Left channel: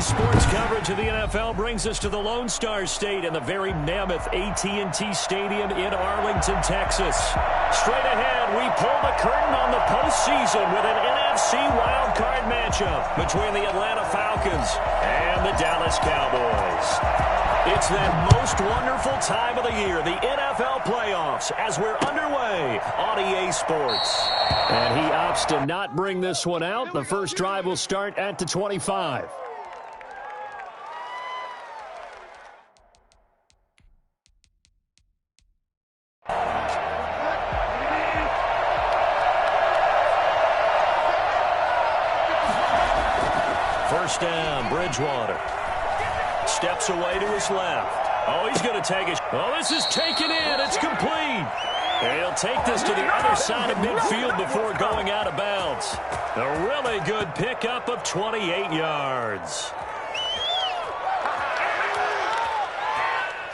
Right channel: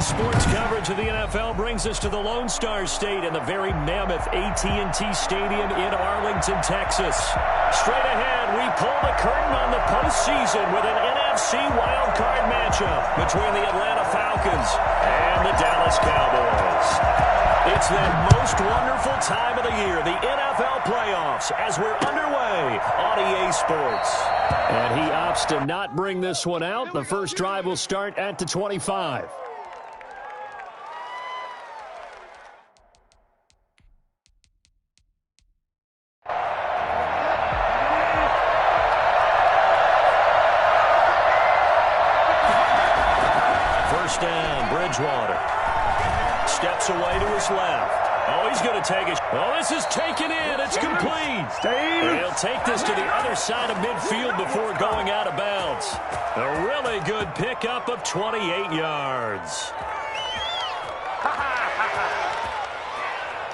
Today's sports coverage of the NFL brings us to the Lone Star State and the very mammoth AT&T Stadium in Arlington, Texas. Straight ahead, we pull the curtain on the postseason with an NFC wildcard matchup between the Atlanta Falcons and the Dallas Cowboys. It's that most wonderful time of the year, the NFL playoffs, as we're underway on EA Sports. And he opts to not bring this one out. The first drive will start at the 25. First down, Bridgewater. Steps away to his left. Oh, he's going to take it. Oh, this is taken in. It's complete. He'll take this to the other side of midfield before going out of bounds. A really good pickup of 28 yards.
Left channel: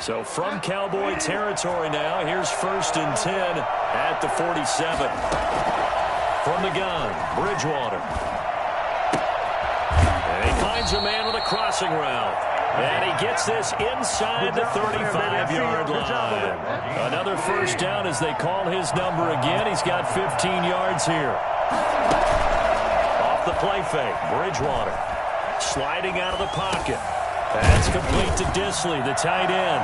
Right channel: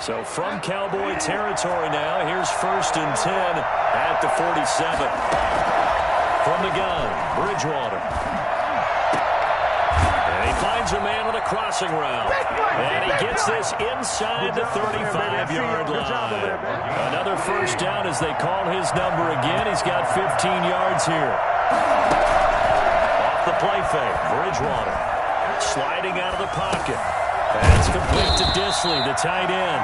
So from Cowboy territory now, here's 1st and 10 at the 47. From the gun, Bridgewater. And he finds a man with a crossing route. And he gets this inside the 35-yard line. Another first down as they call his number again. He's got 15 yards here. Off the play fake, Bridgewater. Sliding out of the pocket. That's complete to Disley, the tight end.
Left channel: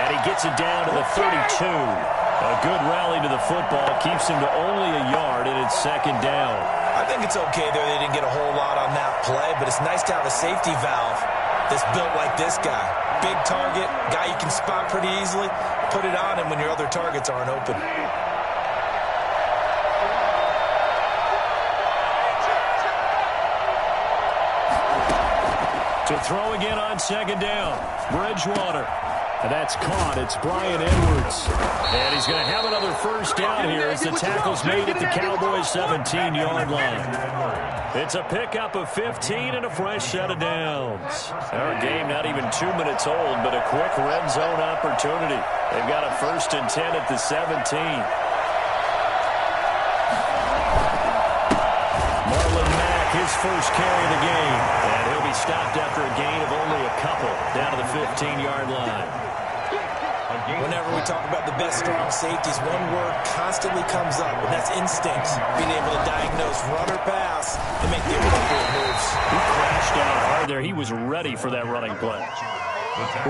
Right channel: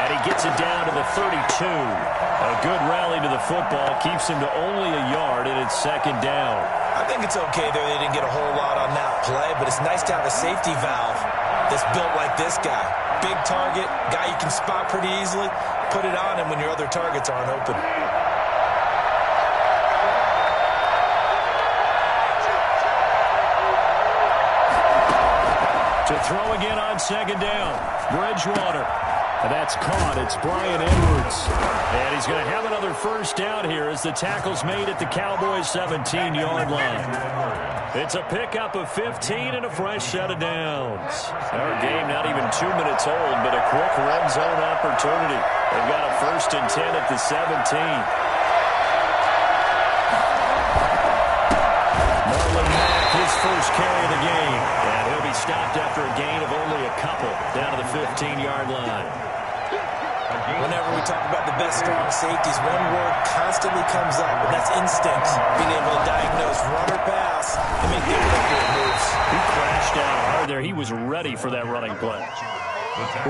And he gets it down to the 32. A good rally to the football. Keeps him to only a yard, and it's 2nd down. I think it's okay there. They didn't get a whole lot on that play, but it's nice to have a safety valve that's built like this guy. Big target, guy you can spot pretty easily. Put it on him when your other targets aren't open. To throw again on 2nd down. Bridgewater. And that's caught. It's Bryan Edwards. And he's going to have another first down here as the tackle's made at the Cowboys' 17-yard line. It's a pickup of 15 and a fresh set of downs. Our game not even 2 minutes old, but a quick red zone opportunity. They've got a 1st and 10 at the 17. Marlon Mack, his first carry of the game. And he'll be stopped after a gain of only a couple down to the 15-yard line. Whenever we talk about the best strong safeties, one word constantly comes up, and that's instincts. Being able to diagnose run or pass and make the appropriate moves. He crashed out hard there. He was ready for that running play.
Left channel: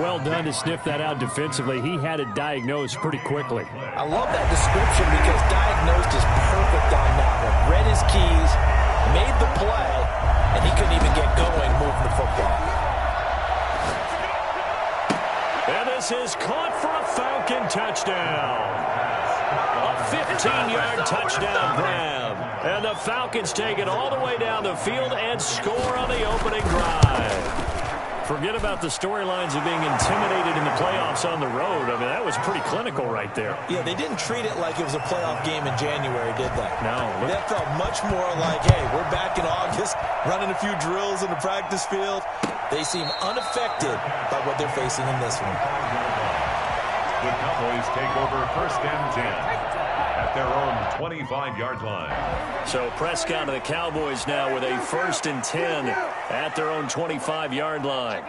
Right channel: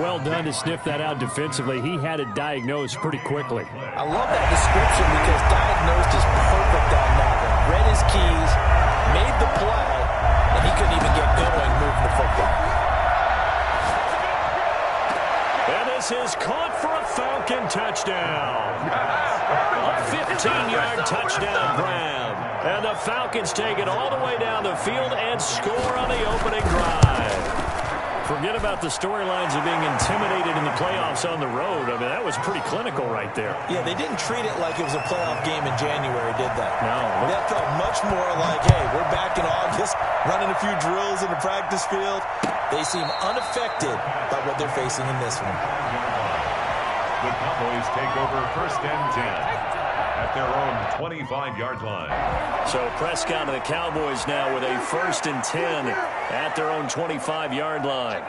Well done to sniff that out defensively. He had it diagnosed pretty quickly. I love that description because diagnosed is perfect on that one. Read his keys, made the play, and he couldn't even get going moving the football. And this is caught for a Falcon touchdown. A 15-yard touchdown grab. And the Falcons take it all the way down the field and score on the opening drive. Forget about the storylines of being intimidated in the playoffs on the road. I mean, that was pretty clinical right there. Yeah, they didn't treat it like it was a playoff game in January, did they? No. That felt much more like, hey, we're back in August, running a few drills in the practice field. They seem unaffected by what they're facing in this one. The Cowboys take over 1st and 10 at their own 25-yard line. So Prescott and the Cowboys now with a 1st and 10 at their own 25-yard line.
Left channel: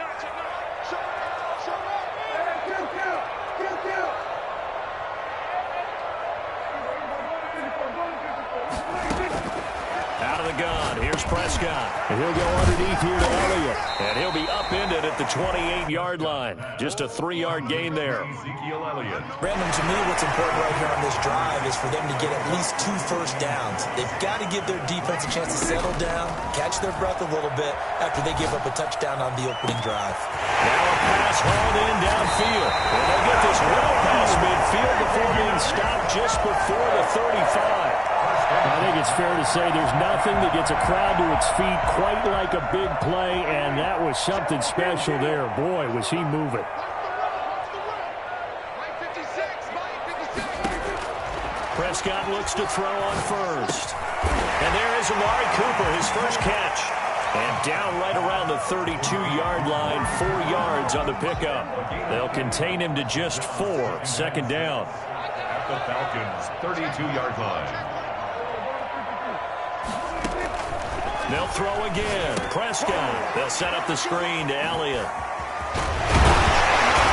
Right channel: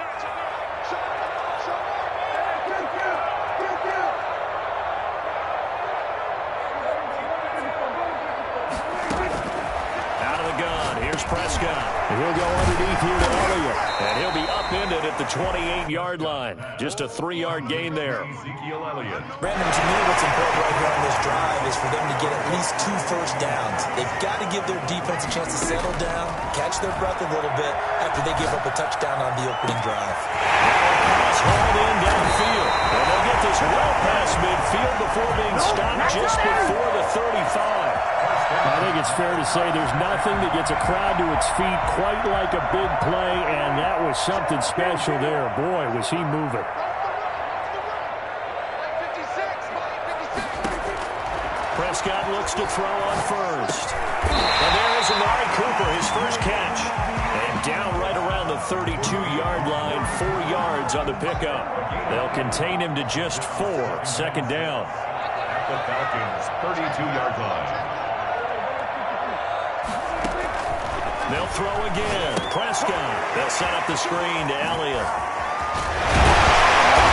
Out of the gun, here's Prescott. And he'll go underneath here to Elliott. And he'll be upended at the 28-yard line. Just a 3-yard gain there. Ezekiel Elliott. Brandon, to me, what's important right here on this drive is for them to get at least 2 first downs. They've got to give their defense a chance to settle down, catch their breath a little bit after they give up a touchdown on the opening drive. Now a pass hauled in downfield. And they'll get this well past midfield before being stopped just before the 35. I think it's fair to say there's nothing that gets a crowd to its feet quite like a big play, and that was something special there. Boy, was he moving. Prescott looks to throw on first. And there is Amari Cooper, his first catch. And down right around the 32-yard line, 4 yards on the pickup. They'll contain him to just 4, 2nd down. At the Falcons' 32-yard line. They'll throw again. Prescott. They'll set up the screen to Elliott.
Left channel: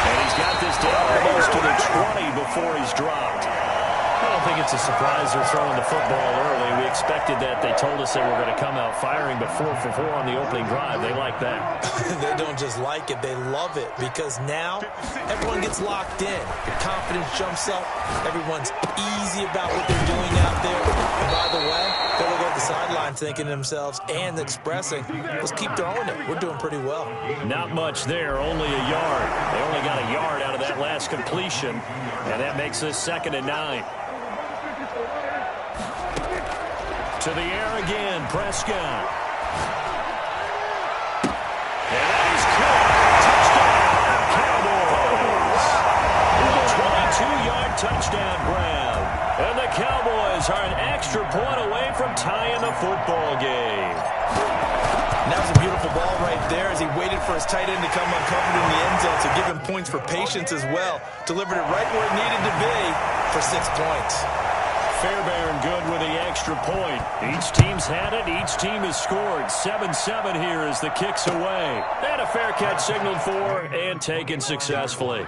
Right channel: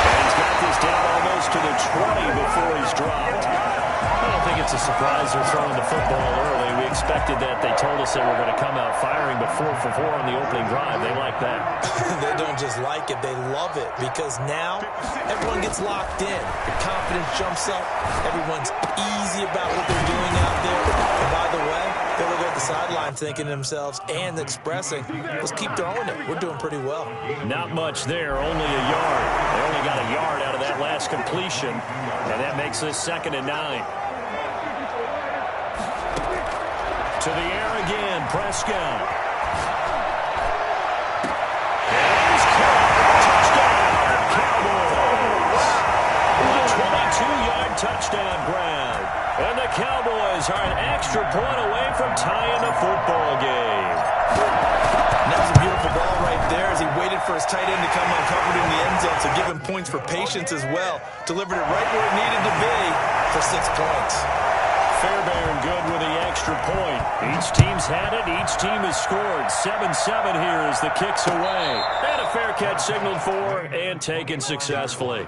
And he's got this down almost to the 20 before he's dropped. I don't think it's a surprise they're throwing the football early. We expected that. They told us they were going to come out firing, but 4 for 4 on the opening drive. They like that. They don't just like it. They love it because now everyone gets locked in. Your confidence jumps up. Everyone's easy about what they're doing out there. And by the way, they look at the sideline thinking to themselves and expressing, let's keep throwing it. We're doing pretty well. Not much there, only a yard. They only got a yard out of that last completion, and that makes this 2nd and 9. To the air again, Prescott. And that is caught. Touchdown, Cowboys. A 22-yard touchdown grab. And the Cowboys are an extra point away from tying the football game. And that was a beautiful ball right there as he waited for his tight end to come uncovered in the end zone, so give him points for patience as well. Delivered it right where it needed to be for 6 points. Fairbairn good with the extra point. Each team's had it. Each team has scored. 7-7 here as the kick's away. And a fair catch signaled for and taken successfully.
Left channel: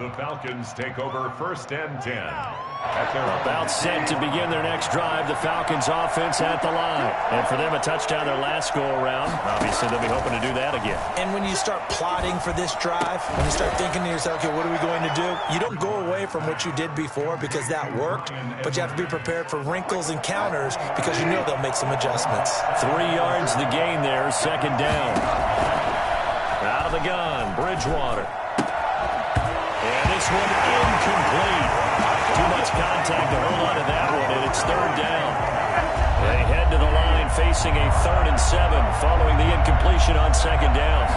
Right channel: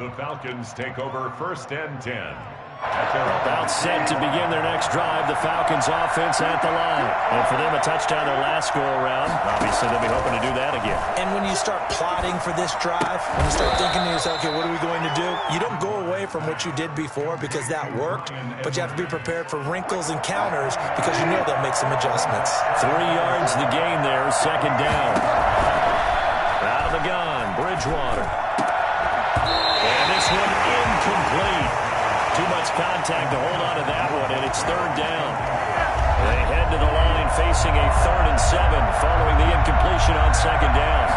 The Falcons take over 1st and 10. About set to begin their next drive. The Falcons offense at the line. And for them, a touchdown their last go-around. Obviously, they'll be hoping to do that again. And when you start plotting for this drive, when you start thinking to yourself, okay, what are we going to do? You don't go away from what you did before because that worked, but you have to be prepared for wrinkles and counters because you know they'll make some adjustments. 3 yards the gain there, 2nd down. Out of the gun, Bridgewater. And this one incomplete. Too much contact to hold on to that one, and it's 3rd down. They head to the line facing a 3rd and 7 following the incompletion on 2nd down.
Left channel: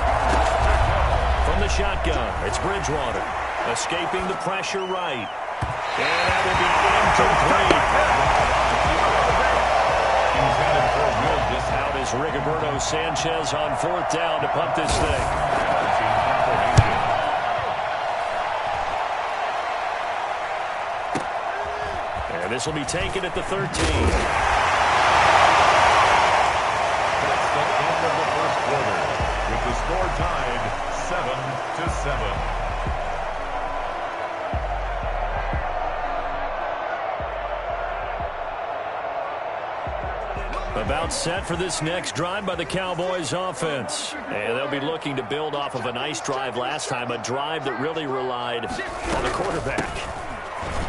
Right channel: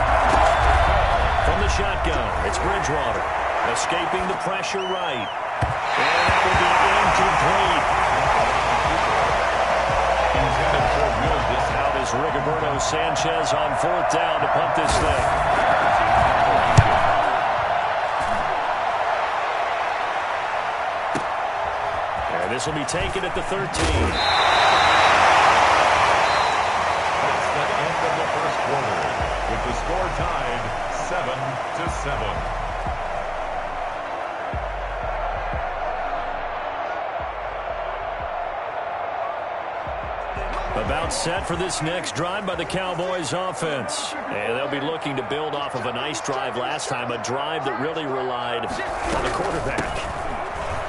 From the shotgun, it's Bridgewater. Escaping the pressure right. And that will be incomplete. Intended for Will Dis. Out is Rigoberto Sanchez on 4th down to punt this thing. And this will be taken at the 13. That's the end of the 1st quarter, with the score tied 7-7. About set for this next drive by the Cowboys offense. And they'll be looking to build off of a nice drive last time, a drive that really relied on the quarterback.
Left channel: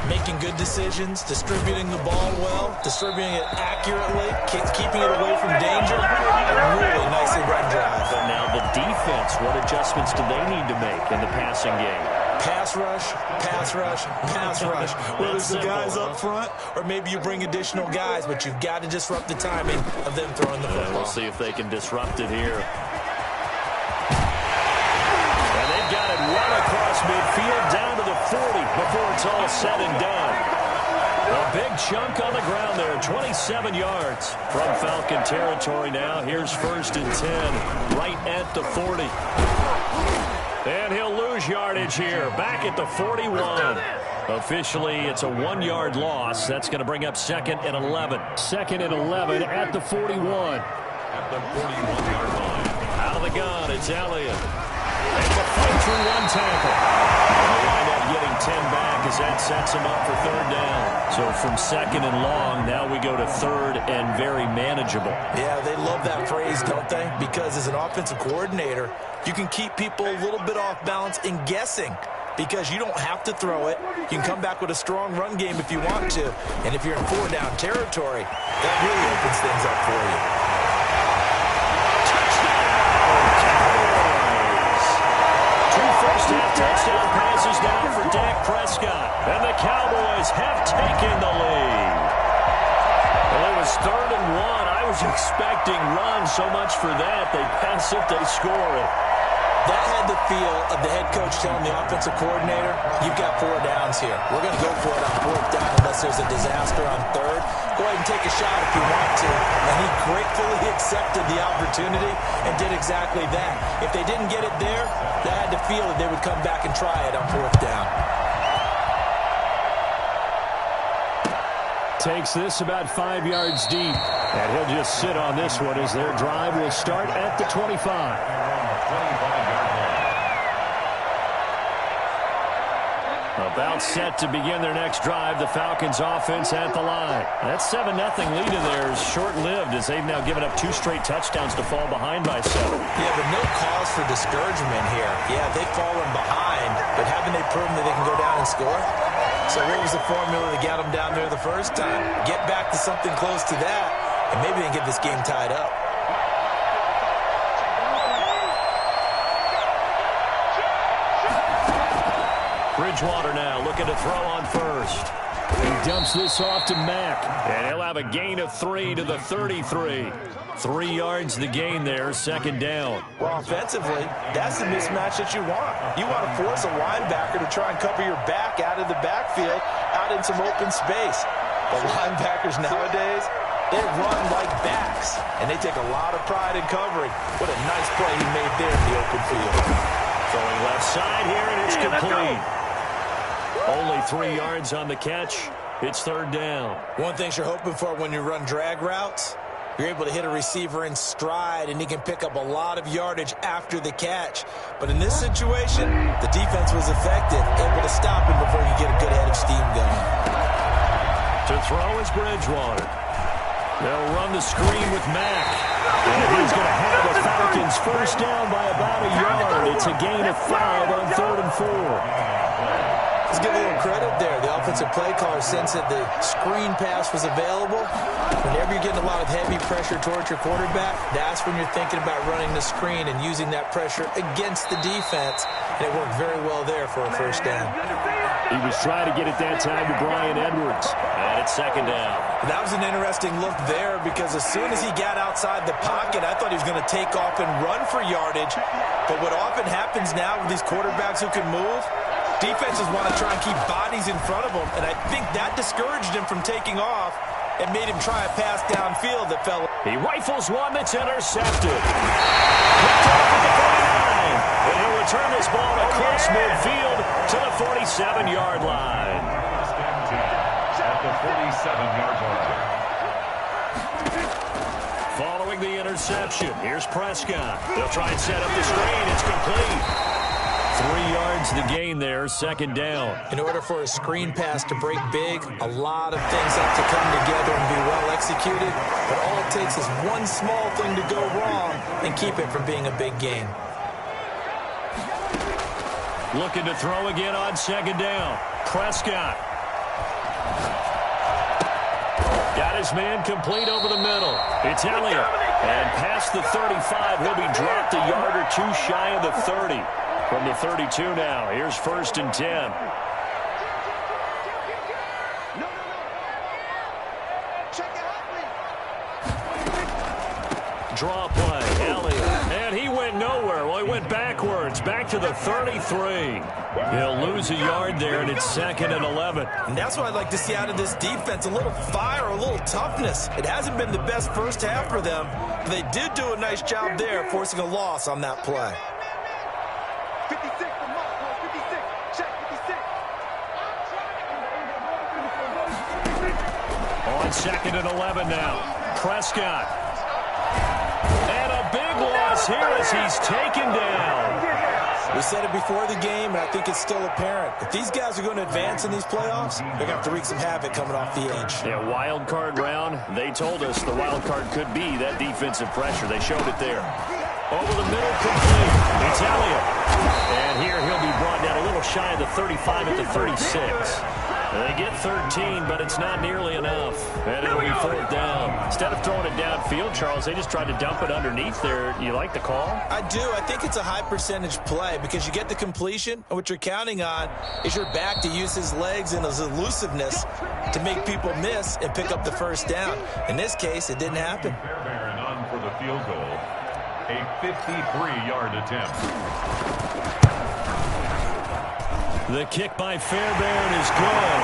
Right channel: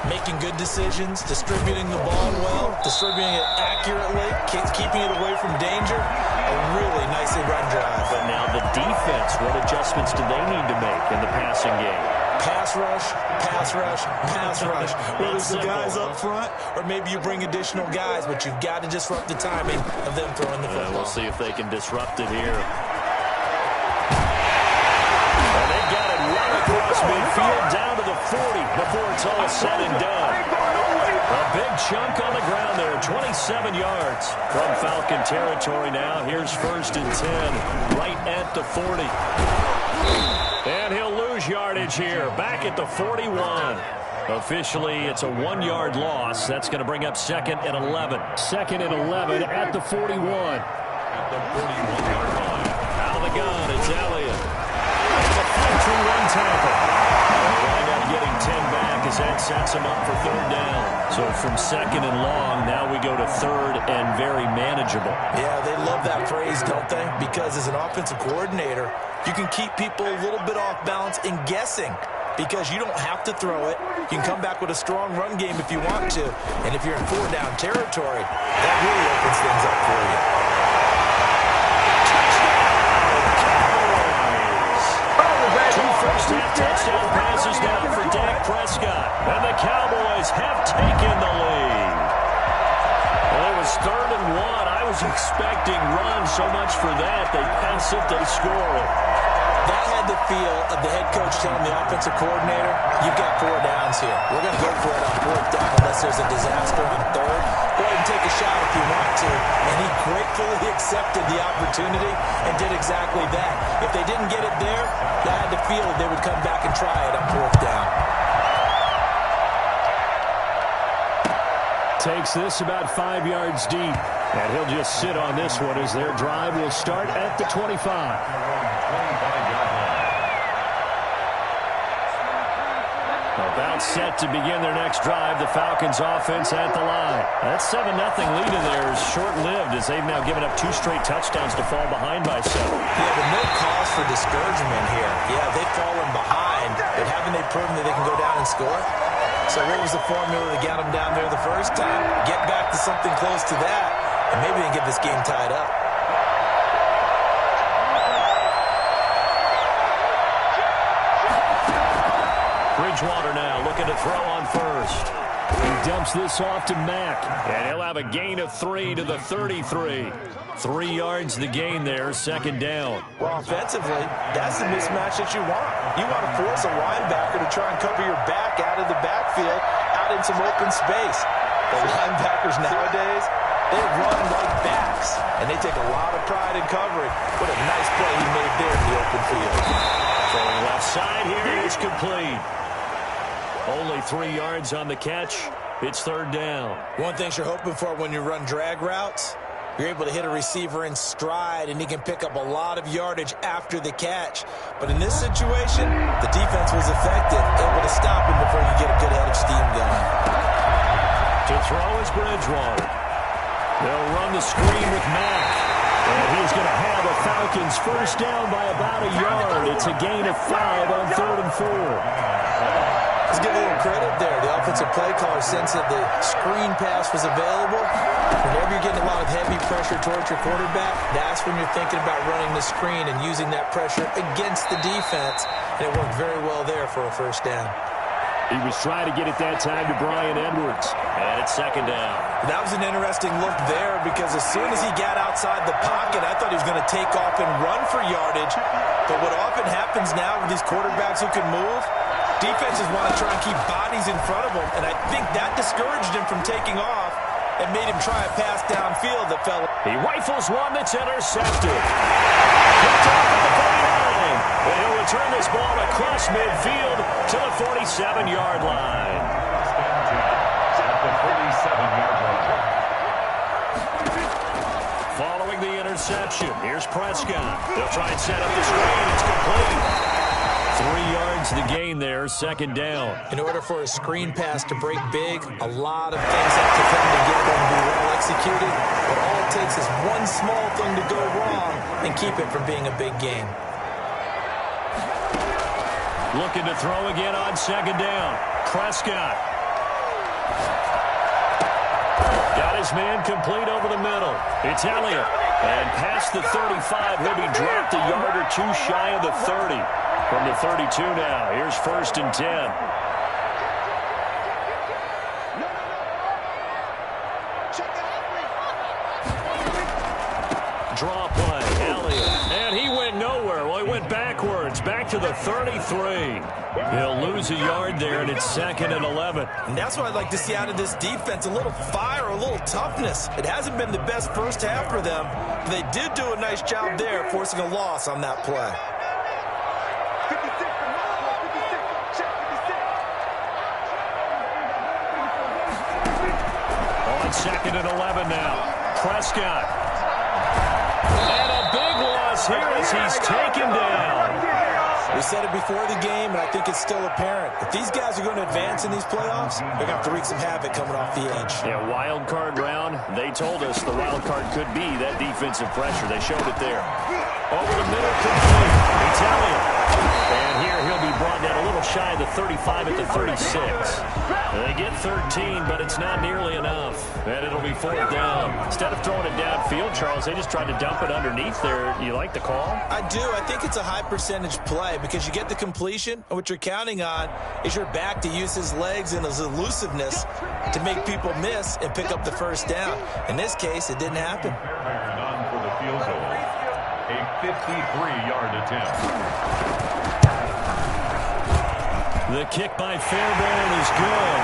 Making good decisions, distributing the ball well, distributing it accurately, keeping it away from danger. A really nicely run drive. But now the defense, what adjustments do they need to make in the passing game? Pass rush, pass rush, pass rush. Whether it's the guys up front or maybe you bring additional guys, but you've got to disrupt the timing of them throwing the football. We'll see if they can disrupt it here. And they've got it well across midfield down to the 40 before it's all said and done. A big chunk on the ground there, 27 yards from Falcon territory now. Here's 1st and 10, right at the 40. And he'll lose yardage here, back at the 41. Officially, it's a 1-yard loss. That's going to bring up 2nd and 11. 2nd and 11 at the 41. At the 41-yard line. Out of the gun, it's Elliott. And the fight through 1 tackle. They'll wind up getting 10 back as that sets them up for 3rd down. So from 2nd and long, now we go to 3rd and very manageable. Yeah, they love that phrase, don't they? Because as an offensive coordinator, you can keep people a little bit off balance in guessing because you don't have to throw it. You can come back with a strong run game if you want to. And if you're in 4-down territory, that really opens things up for you. First-half touchdown passes down for Dak Prescott. And the Cowboys have taken the lead. Well, it was 3rd and 1. I was expecting run so much for that. They pass it, they score it. That had the feel of the head coach telling the offensive coordinator, you've got 4 downs here. We're going to go for it on 4th down unless there's a disaster on 3rd. Go ahead and take a shot if you want to. And he gratefully accepted the opportunity and did exactly that. If they didn't get it there, that had the feel that they would come back and try it on 4th down. Takes this about 5 yards deep. And he'll just sit on this one as their drive will start at the 25. 25-yard line. About set to begin their next drive. The Falcons offense at the line. That 7-0 lead in there is short-lived as they've now given up 2 straight touchdowns to fall behind by 7. Yeah, but no cause for discouragement here. Yeah, they've fallen behind, but haven't they proven that they can go down and score? So what was the formula that got them down there the first time? Get back to something close to that, and maybe they can get this game tied up. Bridgewater now looking to throw on first. He dumps this off to Mack. And he'll have a gain of 3 to the 33. 3 yards the gain there, second down. Well, offensively, that's the mismatch that you want. You want to force a linebacker to try and cover your back out of the backfield, out in some open space. The linebackers nowadays, they run like backs, and they take a lot of pride in covering. What a nice play he made there in the open field. Throwing left side here, and it's complete. Only 3 yards on the catch. It's third down. One thing you're hoping for when you run drag routes, you're able to hit a receiver in stride, and he can pick up a lot of yardage after the catch. But in this situation, the defense was effective, able to stop him before you get a good head of steam going. To throw is Bridgewater. They'll run the screen with Mack. And he's going to have a Falcons first down by about a yard. It's a gain of 5 on 3rd and 4. Let's give a little credit there. The offensive play caller sensed that the screen pass was available. Whenever you're getting a lot of heavy pressure towards your quarterback, that's when you're thinking about running the screen and using that pressure against the defense. And it worked very well there for a first down. He was trying to get it that time to Bryan Edwards. And it's second down. That was an interesting look there because as soon as he got outside the pocket, I thought he was going to take off and run for yardage. But what often happens now with these quarterbacks who can move, defenses want to try and keep bodies in front of them, and I think that discouraged him from taking off and made him try a pass downfield that fell. He rifles one that's intercepted. Picked off at the 49, and he'll return this ball across midfield to the 47-yard line. First and 10 at the 47-yard line. Following the interception, here's Prescott. They'll try and set up the screen. It's complete. 3 yards the gain there, second down. In order for a screen pass to break big, a lot of things have to come together and be well executed. But all it takes is one small thing to go wrong and keep it from being a big gain. Looking to throw again on second down. Prescott. Got his man complete over the middle. It's Elliott. And past the 35, he'll be dropped a yard or two shy of the 30. From the 32 now, here's first and 10. Draw play, Elliott. And he went nowhere. Well, he went backwards, back to the 33. He'll lose a yard there, and it's second and 11. And that's what I'd like to see out of this defense, a little fire, a little toughness. It hasn't been the best first half for them, but they did do a nice job there, forcing a loss on that play. 56 from Marco, 56. Check 56. On second and 11 now. Prescott. And a big loss here as he's taken down. We said it before the game, and I think it's still apparent. If these guys are going to advance in these playoffs, they're going to have to wreak some havoc coming off the edge. Yeah, wild card round. They told us the wild card could be that defensive pressure. They showed it there. Over the middle, complete. It's Elliott. And here he'll be brought down a little shy of the 35 at the 36. They get 13, but it's not nearly enough. And it'll be fourth down. Instead of throwing it downfield, Charles, they just tried to dump it underneath there. You like the call? I do. I think it's a high percentage play because you get the completion, and what you're counting on is your back to use his legs and his elusiveness to make people miss and pick up the first down. In this case, it didn't happen. Fairbairn on for the field goal. A 53-yard attempt. The kick by Fairbairn is good.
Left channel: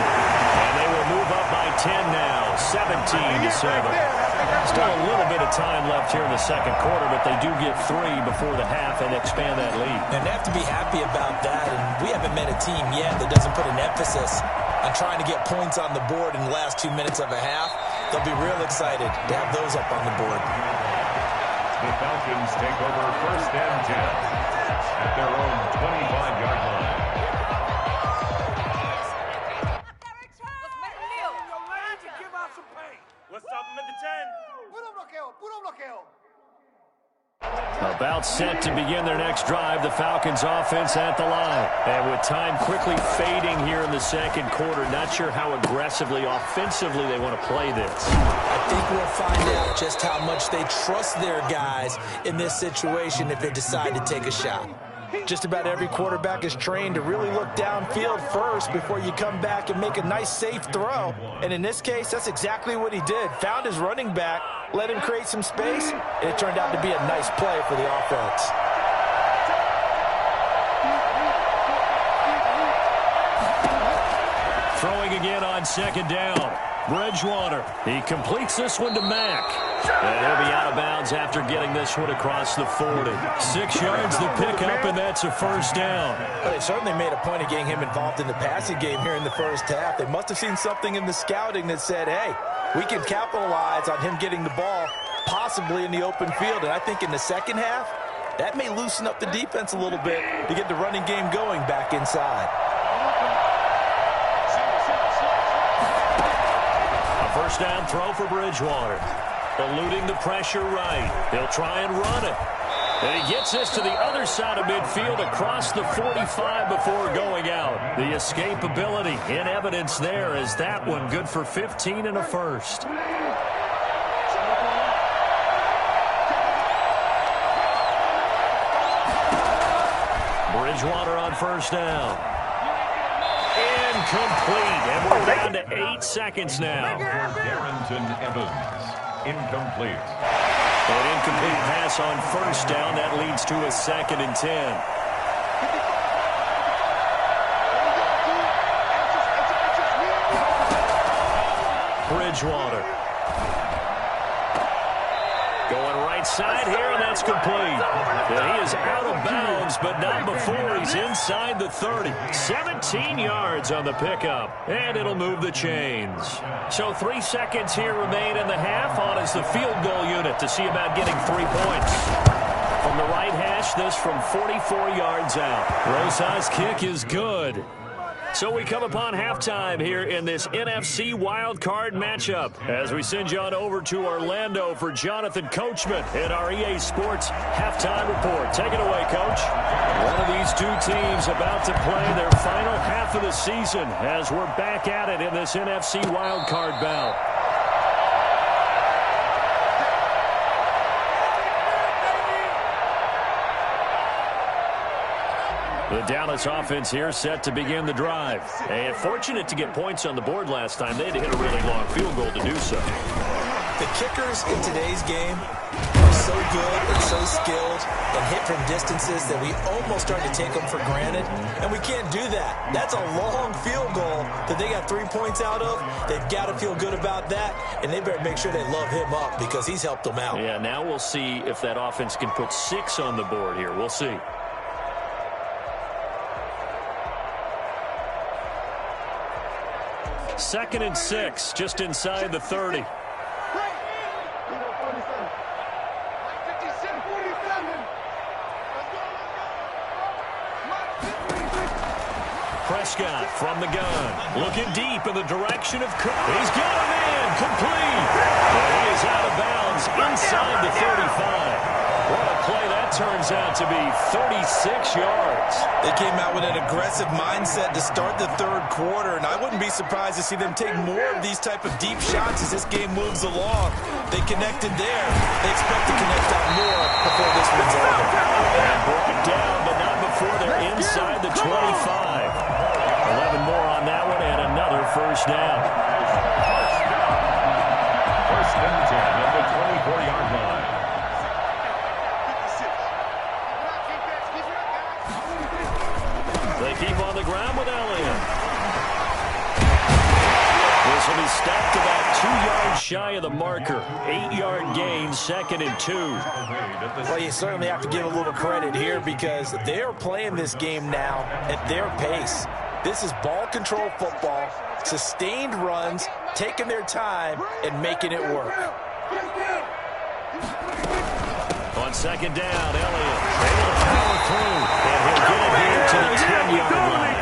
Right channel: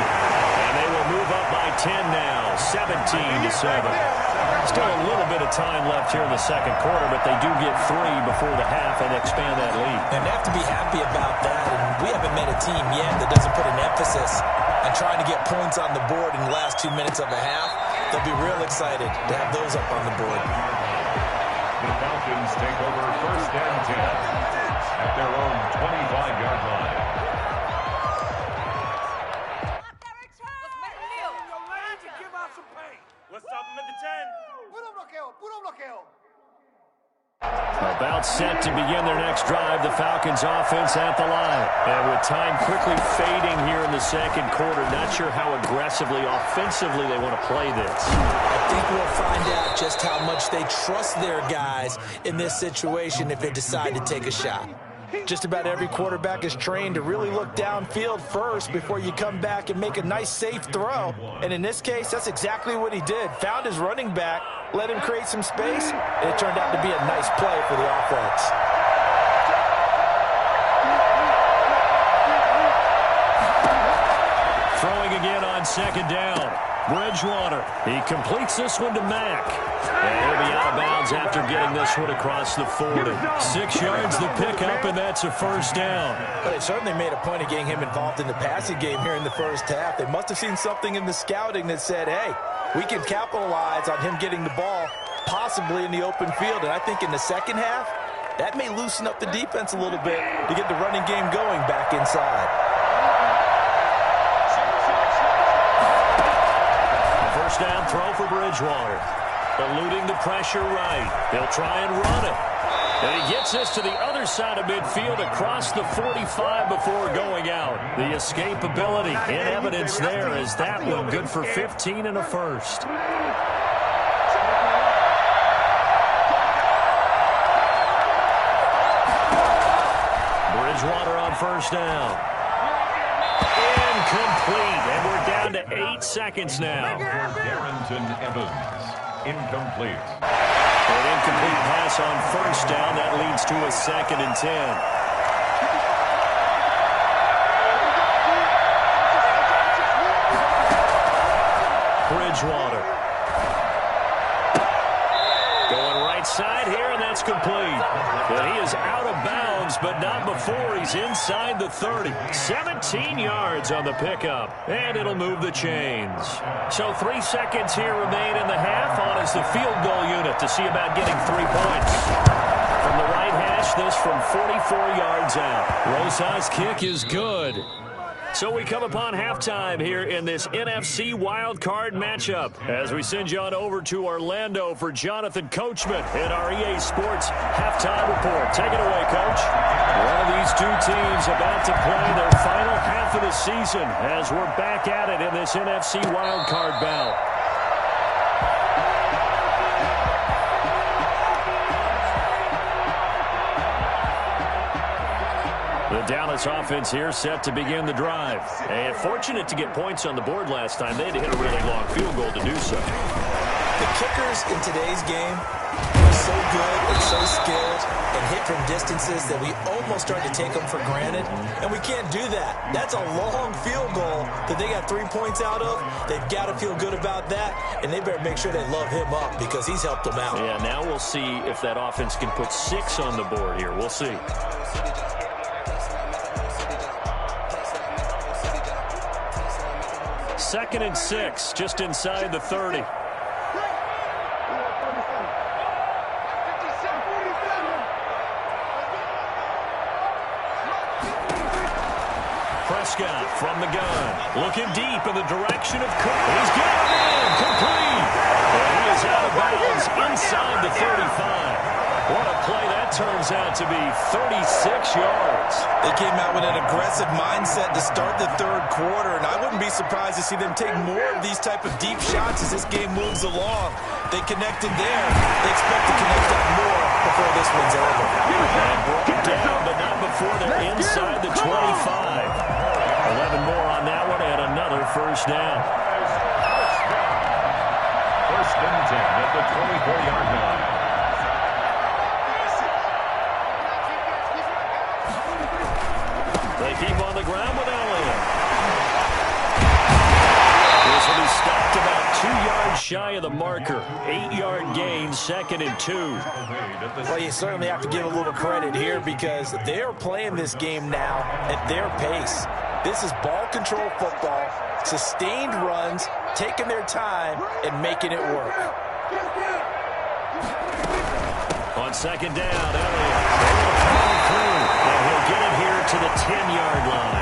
And they will move up by 10 now, 17-7. Still a little bit of time left here in the second quarter, but they do get 3 before the half and expand that lead. And they have to be happy about that. And we haven't met a team yet that doesn't put an emphasis on trying to get points on the board in the last 2 minutes of a half. They'll be real excited to have those up on the board. The Falcons take over 1st and 10 at their own 25-yard line. About set to begin their next drive, the Falcons offense at the line. And with time quickly fading here in the second quarter, not sure how aggressively, offensively they want to play this. I think we'll find out just how much they trust their guys in this situation if they decide to take a shot. Just about every quarterback is trained to really look downfield first before you come back and make a nice, safe throw. And in this case, that's exactly what he did. Found his running back, let him create some space, and it turned out to be a nice play for the offense. Throwing again on 2nd down. Bridgewater. He completes this one to Mack. And he'll be out of bounds after getting this one across the 40. 6 yards the pickup, and that's a 1st down. Well, they certainly made a point of getting him involved in the passing game here in the first half. They must have seen something in the scouting that said, hey, we can capitalize on him getting the ball possibly in the open field. And I think in the second half, that may loosen up the defense a little bit to get the running game going back inside. First down throw for Bridgewater. Eluding the pressure right. He'll try and run it. And he gets this to the other side of midfield across the 45 before going out. The escapability in evidence there is that one good for 15 and a first. Bridgewater on first down. Incomplete, and we're down to 8 seconds now. Darrington Evans, incomplete. An incomplete pass on first down. That leads to a 2nd and 10. Bridgewater. Going right side here, and that's complete. And he is out of bounds, but not before he's inside the 30. 17 yards on the pickup, and it'll move the chains. So 3 seconds here remain in the half. On is the field goal unit to see about getting 3 points. From the right hash, this from 44 yards out. Rosas' kick is good. So we come upon halftime here in this NFC wildcard matchup as we send you on over to Orlando for Jonathan Coachman in our EA Sports Halftime Report. Take it away, Coach. One of these two teams about to play their final half of the season as we're back at it in this NFC wildcard bout. The Dallas offense here set to begin the drive. And fortunate to get points on the board last time. They had to hit a really long field goal to do so. The kickers in today's game are so good and so skilled and hit from distances that we almost start to take them for granted. And we can't do that. That's a long field goal that they got 3 points out of. They've got to feel good about that. And they better make sure they love him up because he's helped them out. Yeah, now we'll see if that offense can put 6 on the board here. We'll see. Second and 6, just inside the 30. Prescott from the gun, looking deep in the direction of Cook. He's got him in, complete. And he is out of bounds inside the 35. What a play that turns out to be, 36 yards. They came out with an aggressive mindset to start the third quarter, and I wouldn't be surprised to see them take more of these type of deep shots as this game moves along. They connected there. They expect to connect on more before this one's over. And brought down, but not before they're inside the 25. 11 more on that one, and another first down. First and 10 at the 24-yard line. They keep on the ground with Elliott. This will be stopped about 2 yards shy of the marker. 8-yard gain, 2nd and 2. Well, you certainly have to give a little credit here because they're playing this game now at their pace. This is ball control football, sustained runs, taking their time, and making it work. On second down, Elliott able to power through, and he'll get it here to the 10-yard line.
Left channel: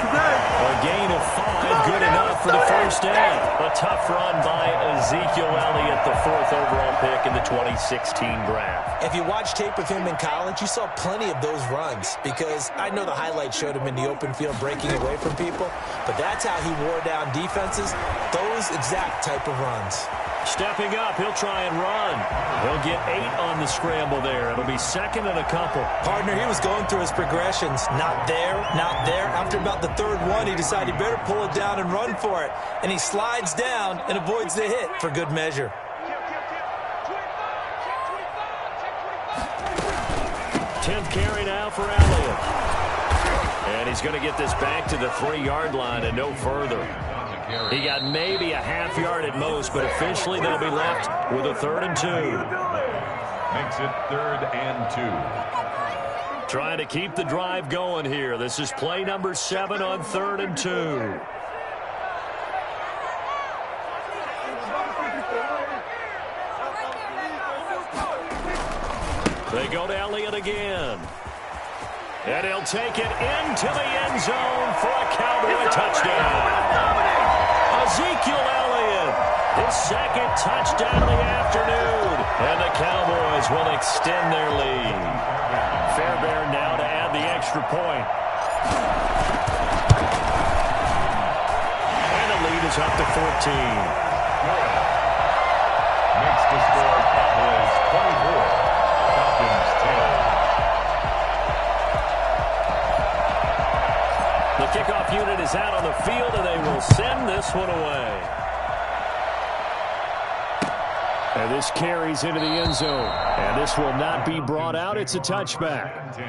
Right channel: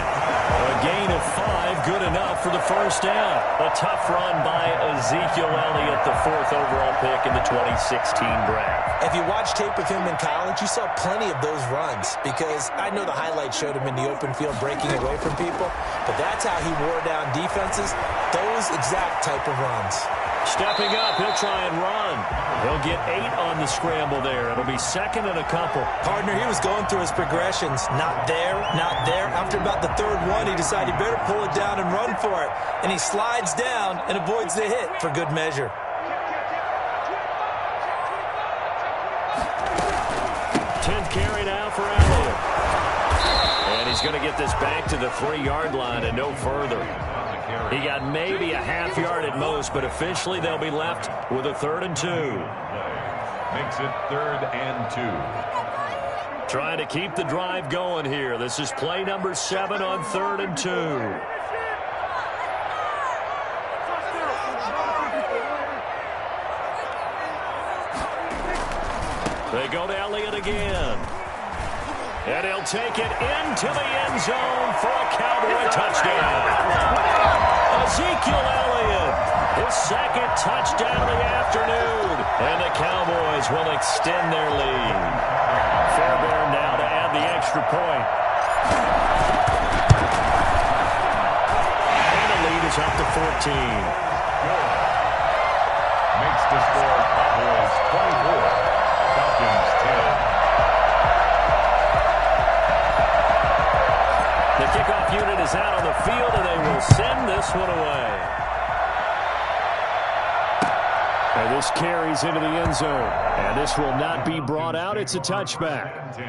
A gain of 5, good enough for the first down. A tough run by Ezekiel Elliott, the 4th overall pick in the 2016 draft. If you watch tape of him in college, you saw plenty of those runs because I know the highlights showed him in the open field breaking away from people, but that's how he wore down defenses, those exact type of runs. Stepping up, he'll try and run. He'll get 8 on the scramble there. It'll be second and a couple. Partner, he was going through his progressions. Not there, not there. After about the third one, he decided he better pull it down and run for it. And he slides down and avoids the hit for good measure. 10th carry now for Elliott. And he's going to get this back to the 3-yard line and no further. He got maybe a half yard at most, but officially they'll be left with a 3rd and 2. Makes it 3rd and 2. Trying to keep the drive going here. This is play number 7 on 3rd and 2. They go to Elliott again. And he'll take it into the end zone for a Cowboy touchdown. Ezekiel Elliott, his 2nd touchdown of the afternoon. And the Cowboys will extend their lead. Fairbairn now to add the extra point. And the lead is up to 14. Makes the score Cowboys 24, Falcons 10. The kickoff unit is out on the field, and they will send this one away. And this carries into the end zone. And this will not be brought out. It's a touchback. 10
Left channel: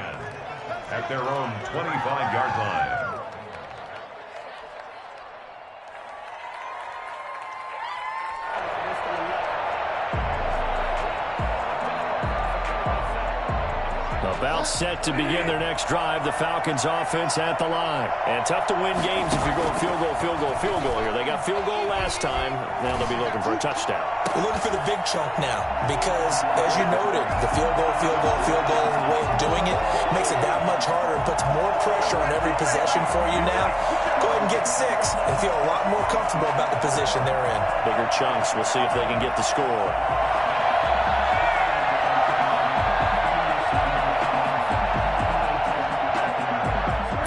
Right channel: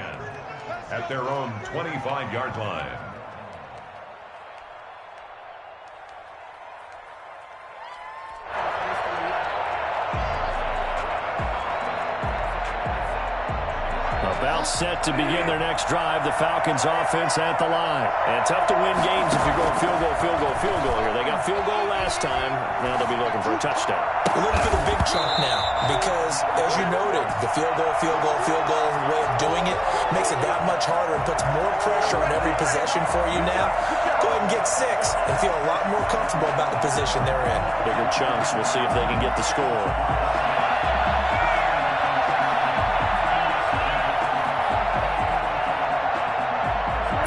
at their own 25-yard line. About set to begin their next drive. The Falcons offense at the line. And tough to win games if you're going field goal, field goal, field goal here. They got field goal last time. Now they'll be looking for a touchdown. We're looking for the big chunk now because, as you noted, the field goal way of doing it makes it that much harder and puts more pressure on every possession for you now. Go ahead and get 6 and feel a lot more comfortable about the position they're in. Bigger chunks. We'll see if they can get the score.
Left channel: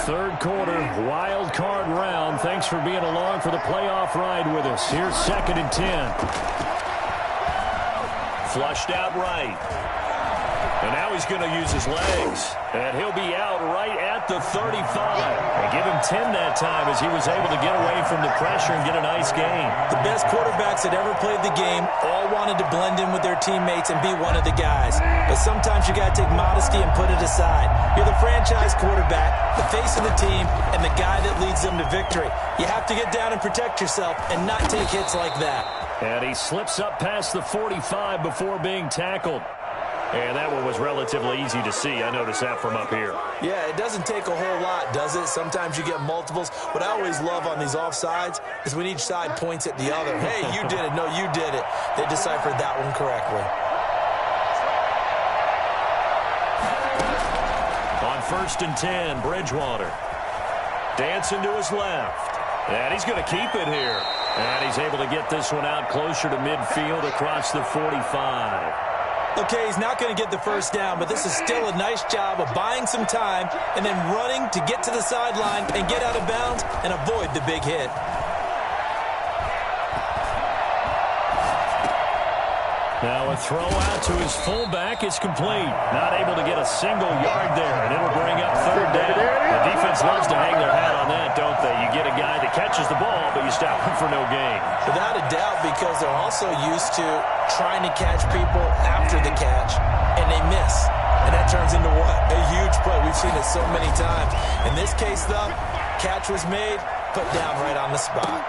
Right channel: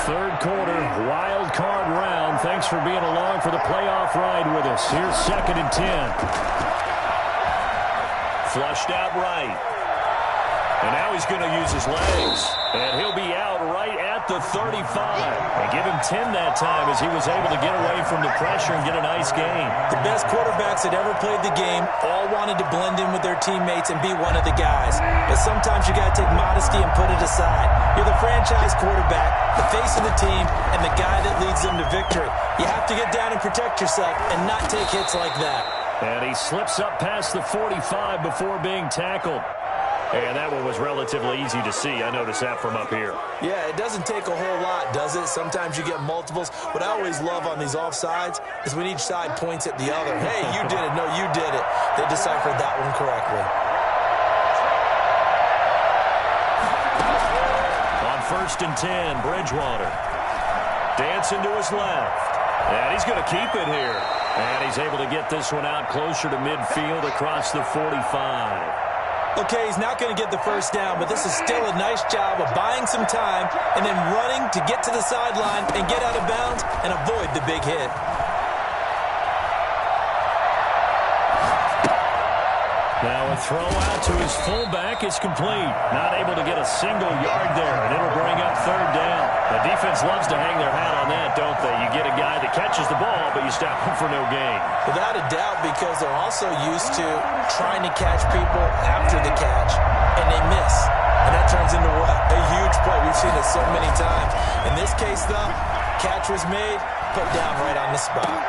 Third quarter, wild card round. Thanks for being along for the playoff ride with us. Here's 2nd and 10. Flushed out right. And now he's going to use his legs. And he'll be out right at the 35. And give him 10 that time as he was able to get away from the pressure and get a nice gain. The best quarterbacks that ever played the game all wanted to blend in with their teammates and be one of the guys. But sometimes you got to take modesty and put it aside. You're the franchise quarterback, the face of the team, and the guy that leads them to victory. You have to get down and protect yourself and not take hits like that. And he slips up past the 45 before being tackled. And that one was relatively easy to see. I noticed that from up here. Yeah, it doesn't take a whole lot, does it? Sometimes you get multiples. What I always love on these offsides is when each side points at the other. Hey, you did it. No, you did it. They deciphered that one correctly. On 1st and 10, Bridgewater. Dancing to his left. And he's going to keep it here. And he's able to get this one out closer to midfield across the 45. Okay, he's not going to get the first down, but this is still a nice job of buying some time and then running to get to the sideline and get out of bounds and avoid the big hit. Now a throw out to his fullback is complete. Not able to get a single yard there, and it'll bring up 3rd down. The defense loves to hang their hat on that, don't they? You get a guy that catches the ball, but you stop him for no gain. Without a doubt, because they're also used to trying to catch people after the catch, and they miss. And that turns into what? A huge play. We've seen it so many times. In this case, though, catch was made, put down right on the spot.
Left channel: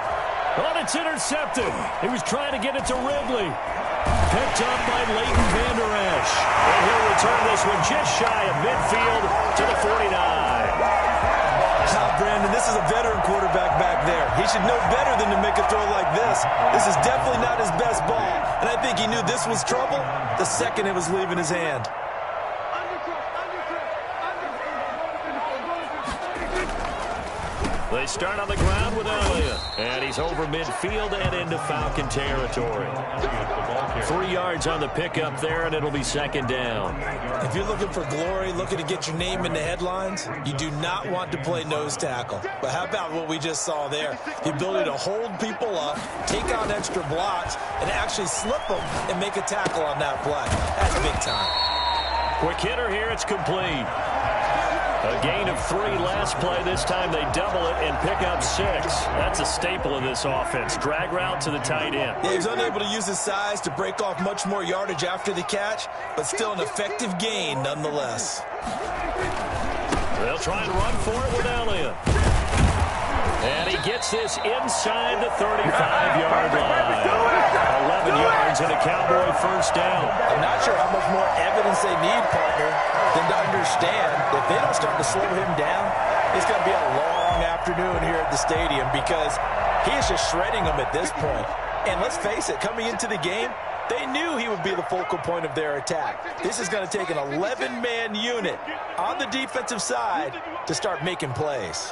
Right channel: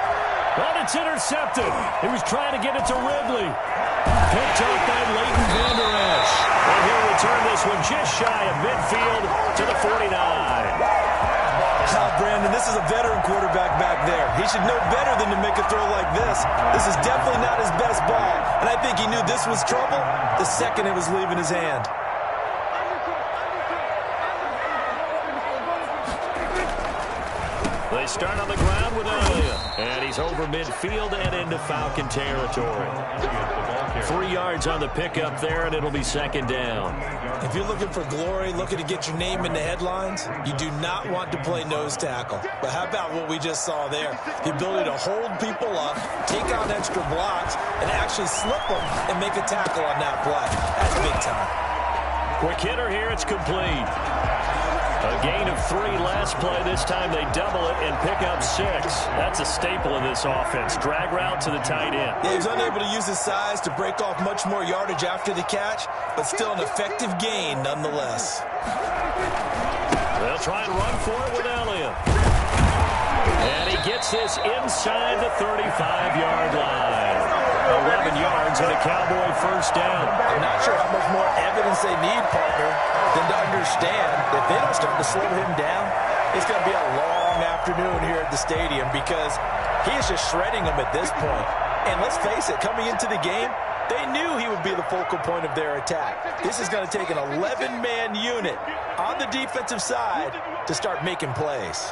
Oh, it's intercepted. He was trying to get it to Ridley. Picked up by Leighton Vander Esch. And he'll return this one just shy of midfield to the 49. Brandon, this is a veteran quarterback back there. He should know better than to make a throw like this. This is definitely not his best ball, and I think he knew this was trouble the second it was leaving his hand. They start on the ground with Elliott, and he's over midfield and into Falcon territory. 3 yards on the pickup there, and it'll be second down. If you're looking for glory, looking to get your name in the headlines, you do not want to play nose tackle. But how about what we just saw there? The ability to hold people up, take on extra blocks, and actually slip them and make a tackle on that play. That's big time. Quick hitter here, it's complete. A gain of 3 last play. This time they double it and pick up 6. That's a staple of this offense. Drag route to the tight end. Yeah, he was unable to use his size to break off much more yardage after the catch, but still an effective gain nonetheless. They'll try and run for it with Elliott. And he gets this inside the 35-yard line. 11 yards and a Cowboy first down. I'm not sure how much more evidence they need, partner, than to understand that if they don't start to slow him down, it's going to be a long afternoon here at the stadium because he is just shredding them at this point. And let's face it, coming into the game, they knew he would be the focal point of their attack. This is going to take an 11-man unit on the defensive side to start making plays.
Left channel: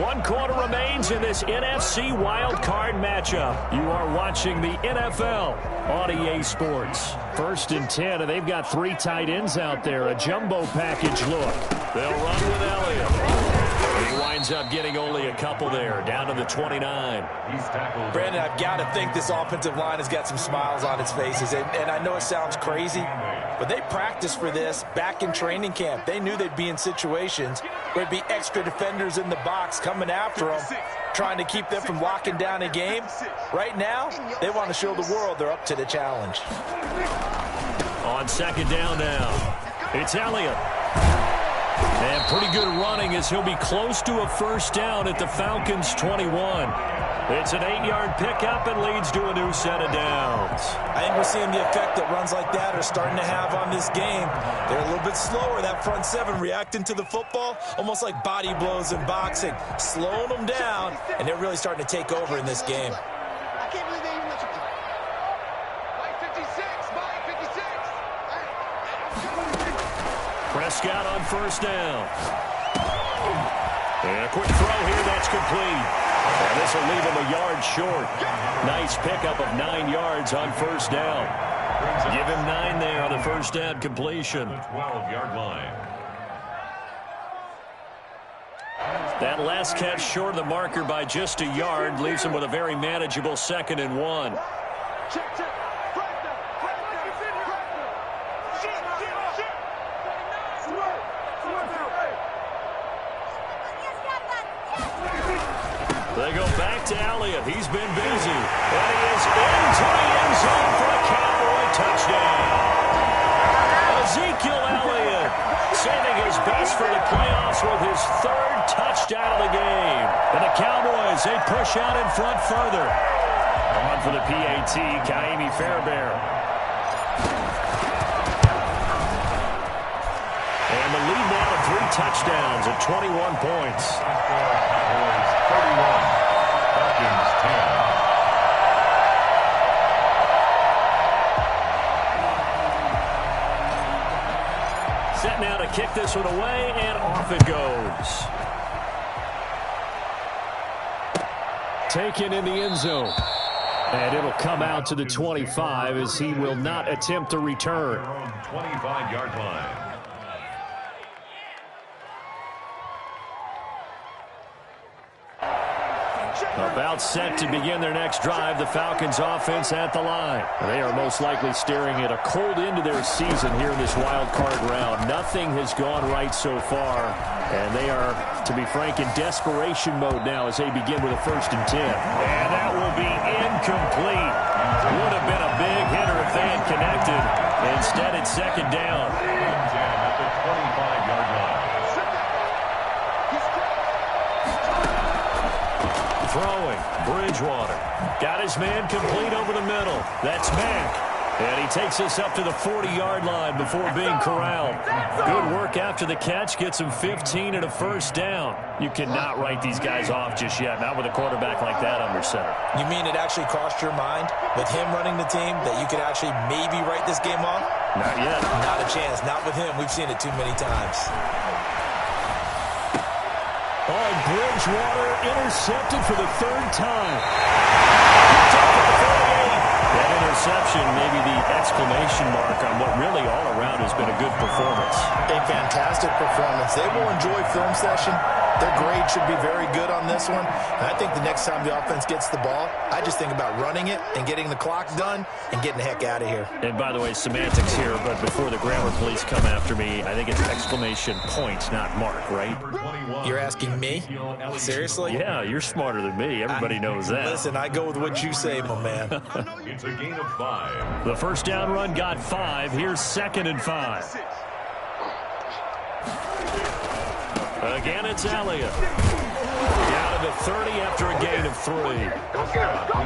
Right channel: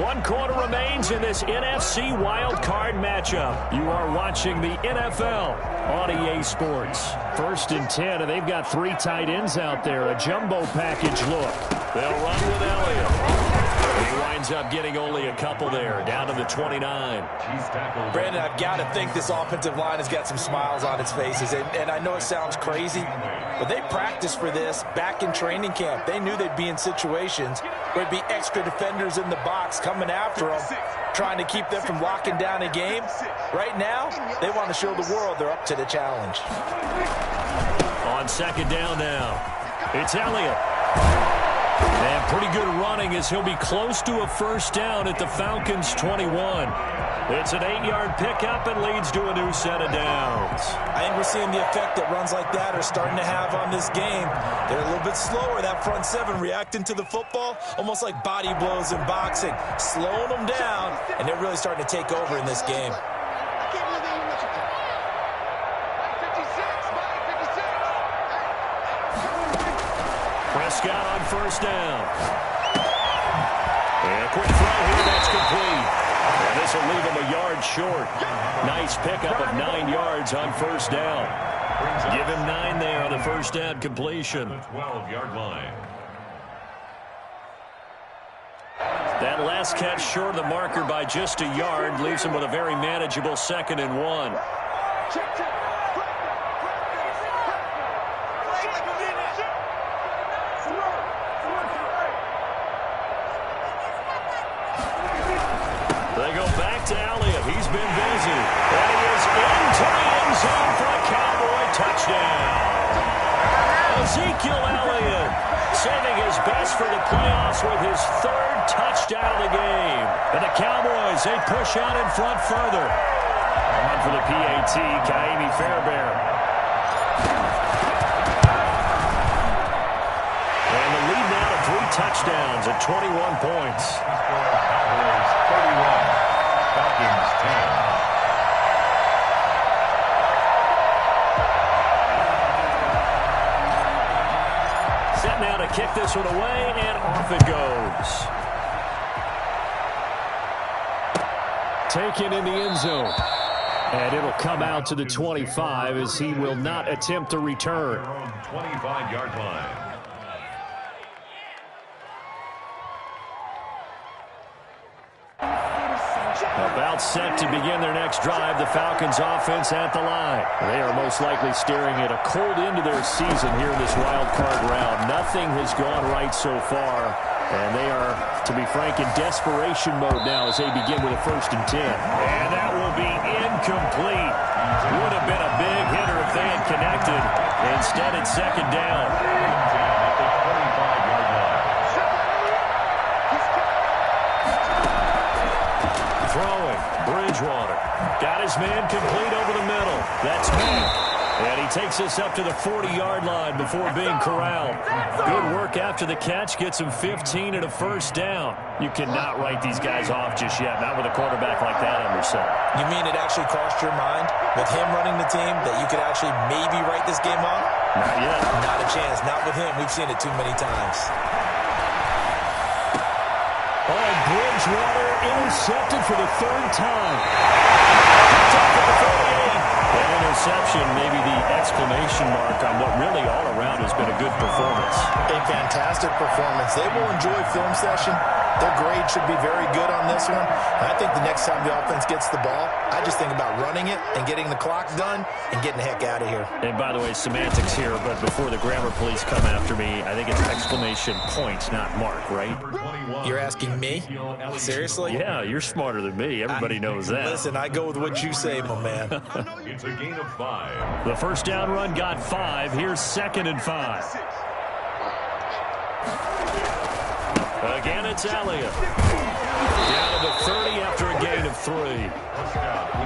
One quarter remains in this NFC wildcard matchup. You are watching the NFL on EA Sports. 1st and 10, and they've got 3 tight ends out there. A jumbo package look. They'll run with Elliott. He winds up getting only a couple there, down to the 29. Brandon, I've got to think this offensive line has got some smiles on its faces. And I know it sounds crazy, but they practiced for this back in training camp. They knew they'd be in situations where there'd be extra defenders in the box coming after them, trying to keep them from locking down a game. Right now, they want to show the world they're up to the challenge. On second down now, it's Elliott. And pretty good running as he'll be close to a first down at the Falcons' 21. It's an 8-yard pickup and leads to a new set of downs. I think we're seeing the effect that runs like that are starting to have on this game. They're a little bit slower, that front 7, reacting to the football, almost like body blows in boxing, slowing them down, and they're really starting to take over in this game. I can't believe they even let you play. Mike 56, Mike 56. Prescott on first down. And a quick throw here, that's complete. And this will leave him a yard short. Nice pickup of 9 yards on first down. Give him 9 there on the first down completion. 12-yard line. That last catch short of the marker by just a yard leaves him with a very manageable 2nd and 1. Check, check. They go back to Elliott. He's been busy. And he is into the end zone for a Cowboy touchdown. Ezekiel Elliott saving his best for the playoffs with his 3rd touchdown of the game. And the Cowboys, they push out in front further. On for the PAT, Ka'imi Fairbairn. And the lead now to 3 touchdowns at 21 points. Cowboys 31, Falcons 10. Set now to kick this one away, and off it goes. Taken in the end zone. And it'll come out to the 25 as he will not attempt to return. 25-yard line. About set to begin their next drive, the Falcons offense at the line. They are most likely staring at a cold end to their season here in this wild card round. Nothing has gone right so far, and they are, to be frank, in desperation mode now as they begin with a 1st and 10. And that will be incomplete. Would have been a big hitter if they had connected. Instead, it's 2nd down. 10 at the 25-yard line. Throwing, Bridgewater. Got his man complete over the middle. That's Mack. And he takes us up to the 40-yard line before being corralled. Good work after the catch. Gets him 15 and a first down. You cannot write these guys off just yet, not with a quarterback like that under center. You mean it actually crossed your mind with him running the team that you could actually maybe write this game off? Not yet. Not a chance. Not with him. We've seen it too many times. Oh, Bridgewater intercepted for the third time. Picked up at the 48. That interception, maybe the exclamation mark on what really all around has been a good performance. A fantastic performance. They will enjoy film session. Their grade should be very good on this one. And I think the next time the offense gets the ball, I just think about running it and getting the clock done and getting the heck out of here. And by the way, semantics here, but before the grammar police come after me, I think it's exclamation point, not mark, right? You're asking me? Seriously? Yeah, you're smarter than me. Everybody knows that. Listen, I go with what you say, my man. It's a gain of 5. The first down run got 5. Here's 2nd and 5. Again, it's Elliott. Down to the 30 after a gain of 3.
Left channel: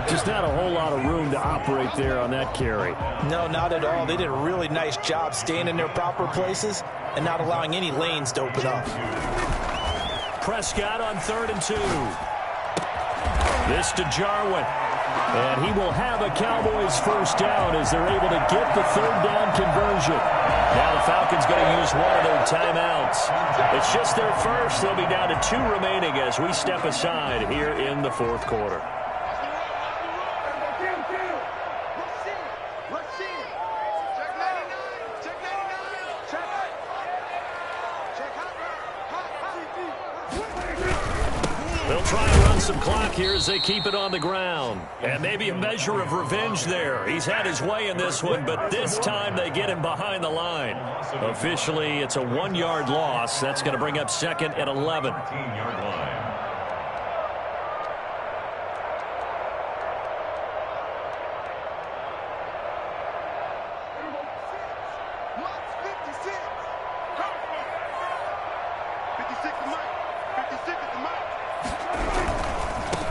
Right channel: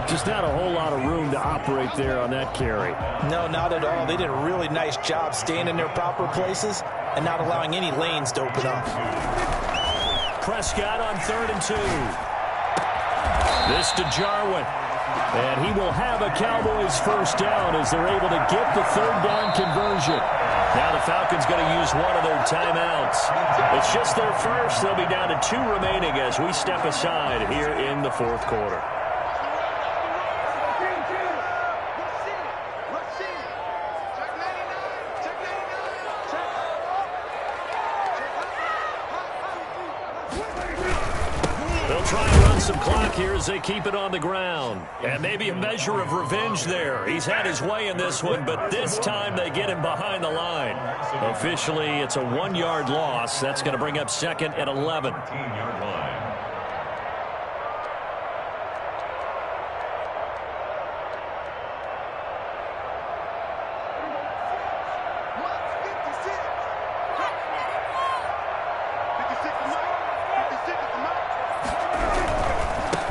Just not a whole lot of room to operate there on that carry. No, not at all. They did a really nice job staying in their proper places and not allowing any lanes to open up. Prescott on 3rd and 2. This to Jarwin. And he will have a Cowboys first down as they're able to get the 3rd down conversion. Now the Falcons going to use one of their timeouts. It's just their first. They'll be down to 2 remaining as we step aside here in the 4th quarter. They'll try and run some clock here as they keep it on the ground. And maybe a measure of revenge there. He's had his way in this one, but this time they get him behind the line. Officially, it's a 1-yard loss. That's going to bring up 2nd and 11. 15-yard line.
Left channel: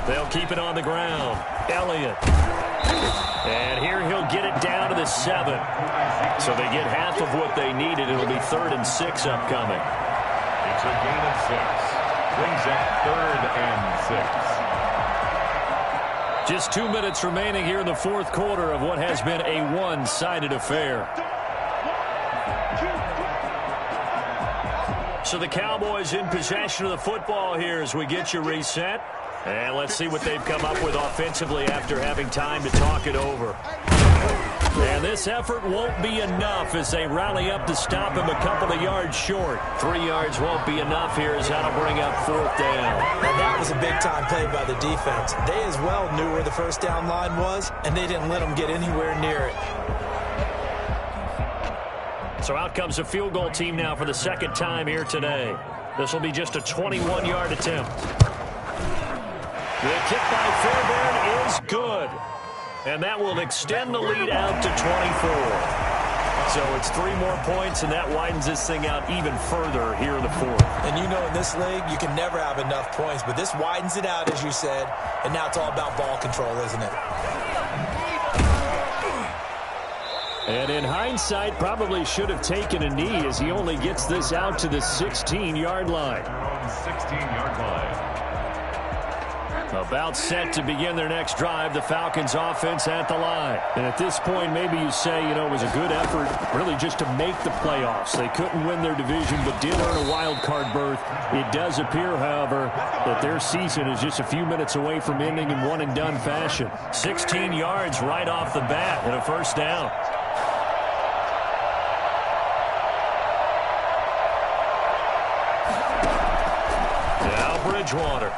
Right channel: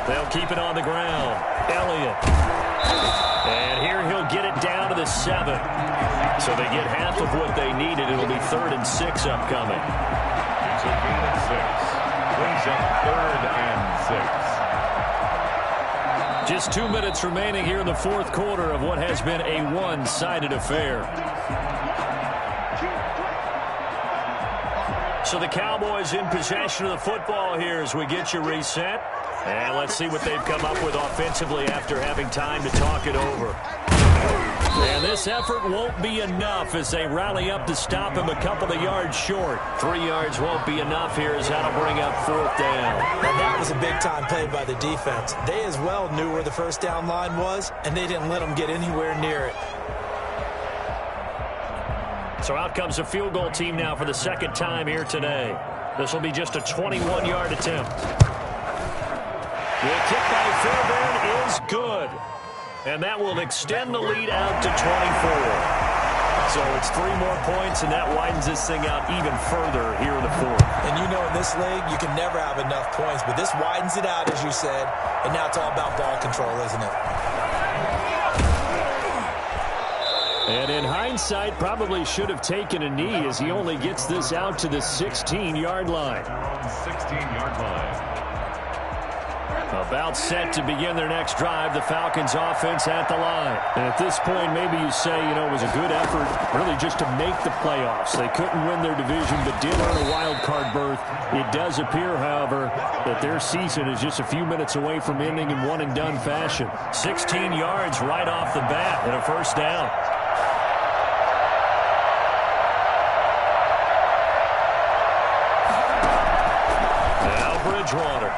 They'll keep it on the ground. Elliott. And here he'll get it down to the 7. So they get half of what they needed. It'll be 3rd and 6 upcoming. It's a gain of 6. Brings up 3rd and 6. Just 2 minutes remaining here in the 4th quarter of what has been a one-sided affair. So the Cowboys in possession of the football here as we get you reset. And let's see what they've come up with offensively after having time to talk it over. And this effort won't be enough as they rally up to stop him a couple of yards short. 3 yards won't be enough here as that'll bring up 4th down. And that was a big-time play by the defense. They as well knew where the first down line was, and they didn't let them get anywhere near it. So out comes a field goal team now for the 2nd time here today. This will be just a 21-yard attempt. The kick by Fairbairn is good. And that will extend the lead out to 24. So it's 3 more points, and that widens this thing out even further here in the 4th. And you know in this league, you can never have enough points. But this widens it out, as you said. And now it's all about ball control, isn't it? And in hindsight, probably should have taken a knee as he only gets this out to the 16-yard line. 16-yard line. About set to begin their next drive, the Falcons offense at the line. And at this point, maybe you say, it was a good effort really just to make the playoffs. They couldn't win their division, but did earn a wild card berth. It does appear, however, that their season is just a few minutes away from ending in one-and-done fashion. 16 yards right off the bat and a first down. Now Bridgewater.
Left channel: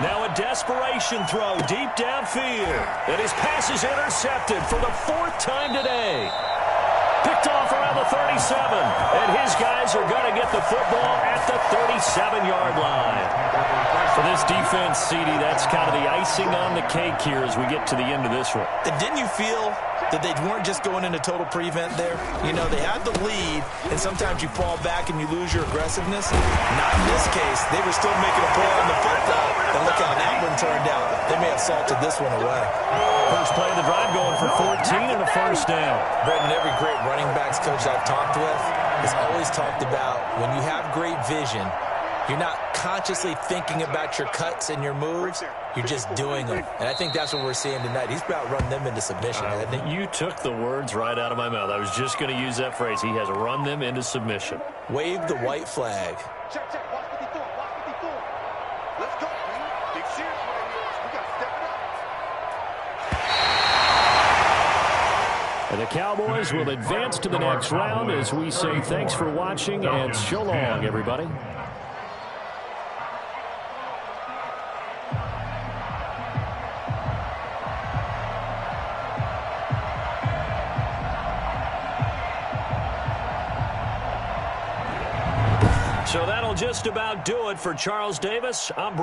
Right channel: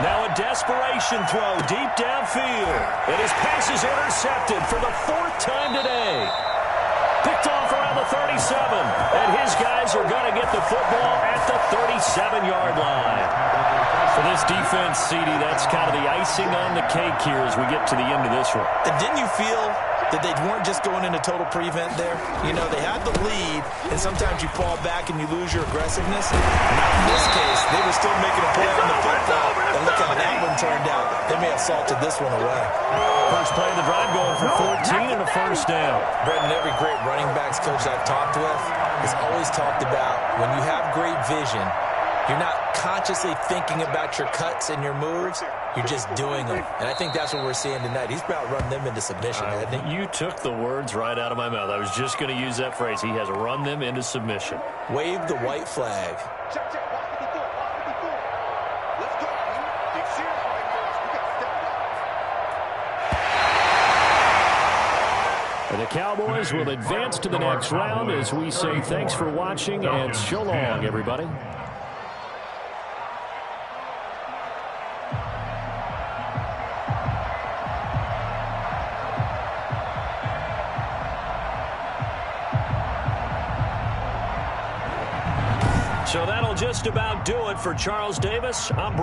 Now a desperation throw deep downfield. And his pass is intercepted for the 4th time today. Picked off around the 37. And his guys are going to get the football at the 37-yard line. For this defense, CD, that's kind of the icing on the cake here as we get to the end of this one. And didn't you feel that they weren't just going into total prevent there? They had the lead, and sometimes you fall back and you lose your aggressiveness. Not in this case. They were still making a play on the football, and look how turned out. They may have salted this one away. First play of the drive going for 14 and a first down. Brendan, every great running backs coach I've talked with has always talked about when you have great vision, you're not consciously thinking about your cuts and your moves. You're just doing them. And I think that's what we're seeing tonight. He's about run them into submission, hasn't he? You took the words right out of my mouth. I was just going to use that phrase. He has run them into submission. Wave the white flag. Check, check. Watch 54. Watch 54. Let's go, team. Big serious right here. We got to step it up. And the Cowboys will advance to the next round as we say thanks for watching and so long, everybody. So that'll just about do it for Charles Davis. I'm Brett.